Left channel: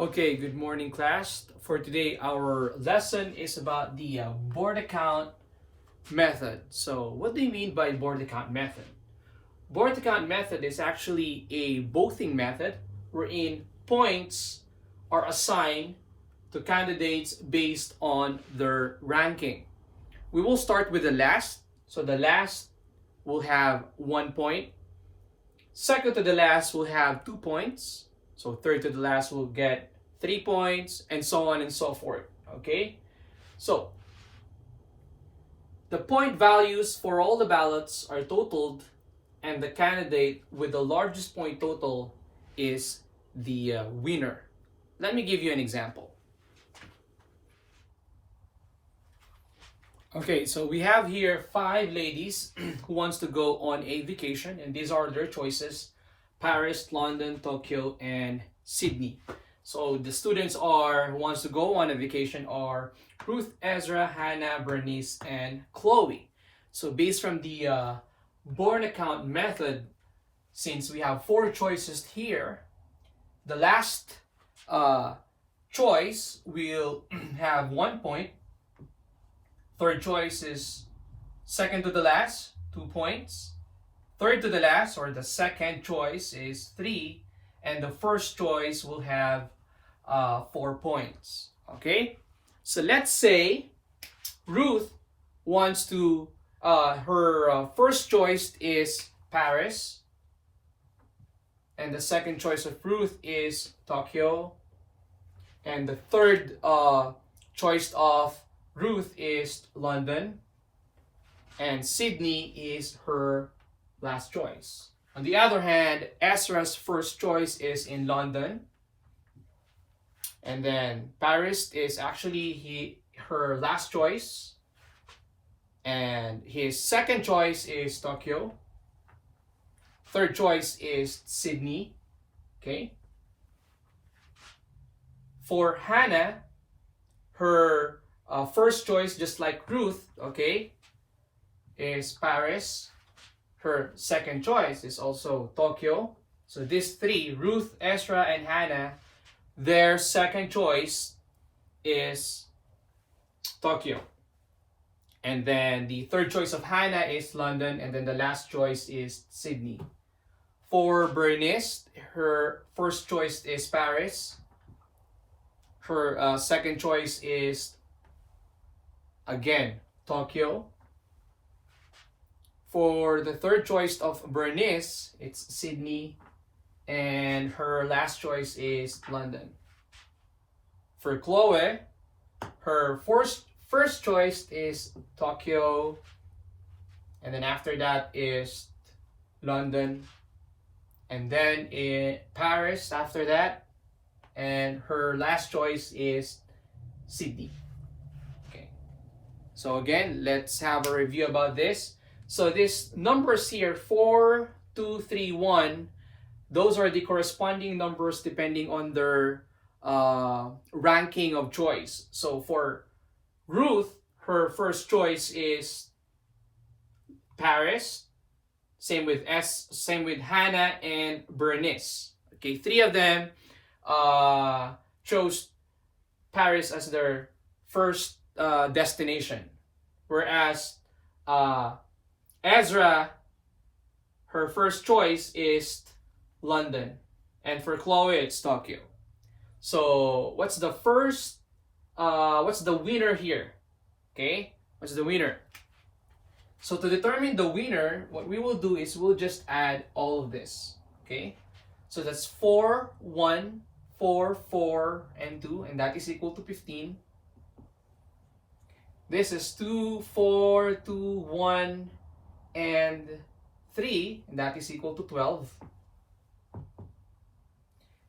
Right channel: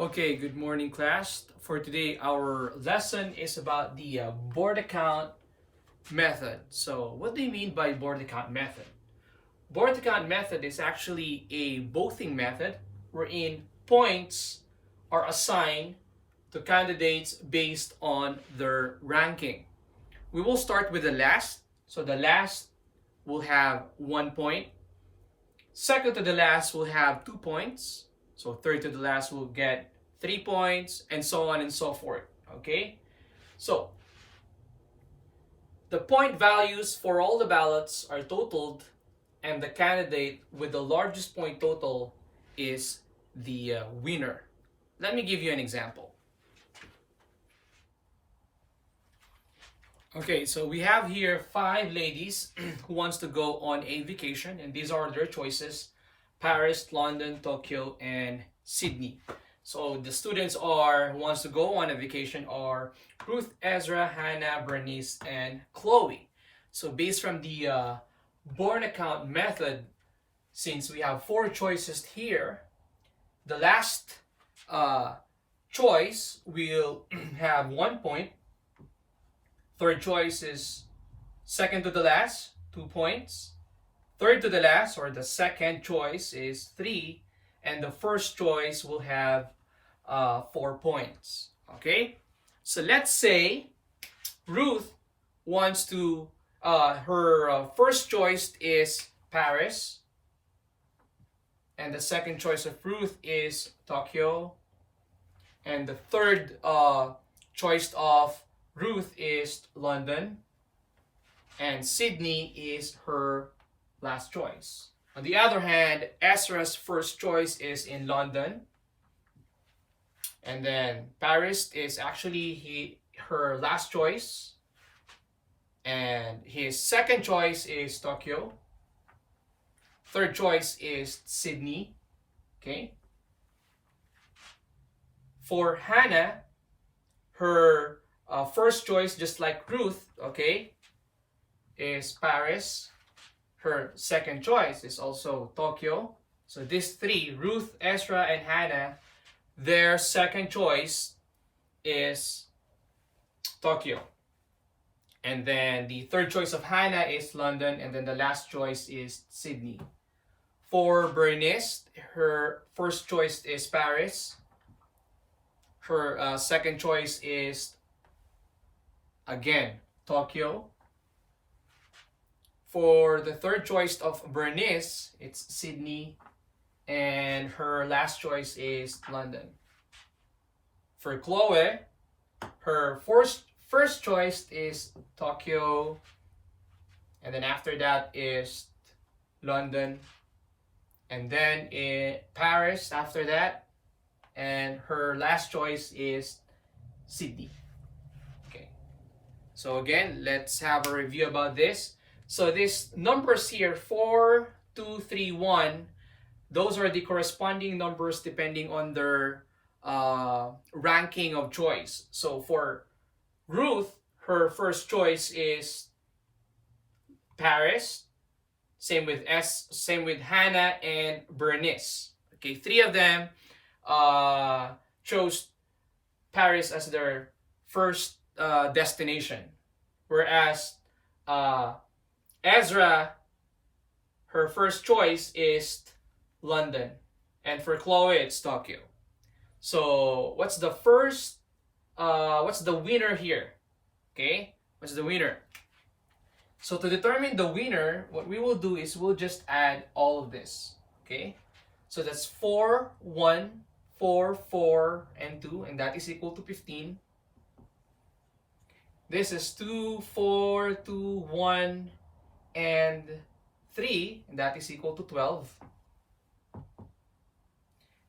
Okay, good morning, class. For today, our lesson is about the board account method. So, what do you mean by board account method? Board account method is actually a voting method wherein points are assigned to candidates based on their ranking. We will start with the last. So, the last will have 1 point. Second to the last will have 2 points. So third to the last will get 3 points, and so on and so forth. Okay? So the point values for all the ballots are totaled, and the candidate with the largest point total is the winner. Let me give you an example. Okay, so we have here 5 ladies who wants to go on a vacation, and these are their choices: Paris, London, Tokyo, and Sydney. So the students who wants to go on a vacation are Ruth, Ezra, Hannah, Bernice, and Chloe. So based from the board account method, since we have 4 choices here, the last choice will have 1 point. Third choice is second to the last, 2 points. Third to the last, or the second choice, is 3. And the first choice will have 4 points. Okay? So let's say Ruth wants to, her first choice is Paris. And the second choice of Ruth is Tokyo. And the third choice of Ruth is London, and Sydney is her last choice. On the other hand, Ezra's first choice is in London, and then Paris is actually her last choice, and his second choice is Tokyo. Third choice is Sydney. Okay. For Hannah, her first choice, just like Ruth, okay, is Paris. Her second choice is also Tokyo. So these 3, Ruth, Ezra, and Hannah, their second choice is Tokyo. And then the third choice of Hannah is London, and then the last choice is Sydney. For Bernice, her first choice is Paris. Her second choice is again Tokyo. For the third choice of Bernice, it's Sydney, and her last choice is London. For Chloe, her first choice is Tokyo, and then after that is London, and then Paris after that, and her last choice is Sydney. So again, let's have a review about this. So these numbers here, 4, 2, 3, 1, those are the corresponding numbers depending on their ranking of choice. So for Ruth, her first choice is Paris. Same with Hannah and Bernice. Okay, 3 of them chose Paris as their first destination, whereas Ezra, her first choice is London, and for Chloe it's Tokyo. So what's the winner here? Okay, what's the winner? So to determine the winner, what we will do is we'll just add all of this. Okay, so that's 4, 1, 4, 4, and 2, and that is equal to 15. This is 2, 4, 2, 1, and 3, and that is equal to 12.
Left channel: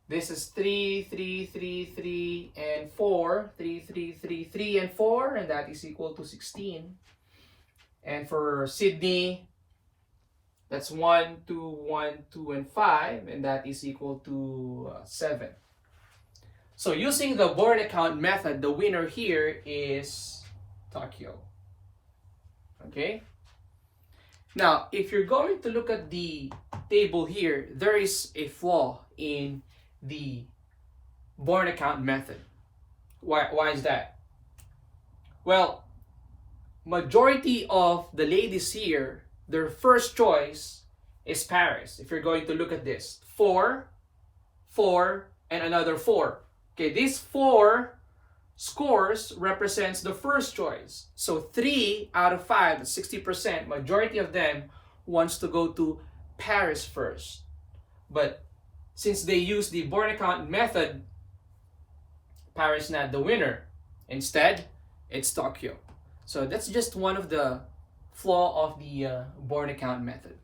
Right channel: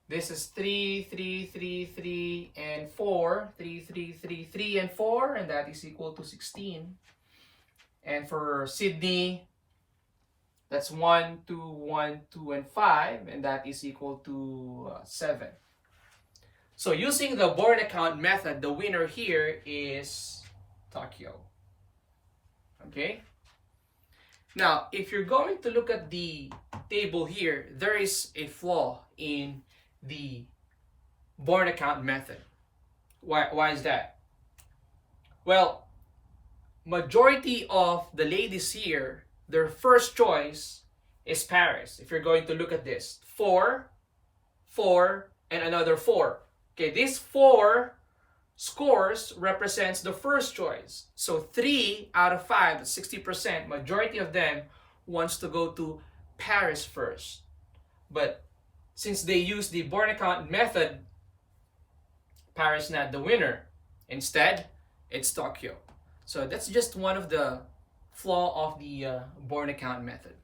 This is 3, 3, 3, 3, and 4, 3, 3, 3, 3, and 4, and that is equal to 16. And for Sydney, that's 1, 2, 1, 2, and 5, and that is equal to 7. So using the board account method, the winner here is Tokyo. Okay? Now, if you're going to look at the table here, there is a flaw in the Borda count method. Why is that? Well, majority of the ladies here, their first choice is Paris. If you're going to look at this, 4, 4, and another 4. Okay, these 4 scores represents the first choice. So 3 out of 5, that's 60%, majority of them wants to go to Paris first. But since they use the Borda count method, Paris not the winner. Instead, it's Tokyo. So that's just one of the flaw of the Borda count method.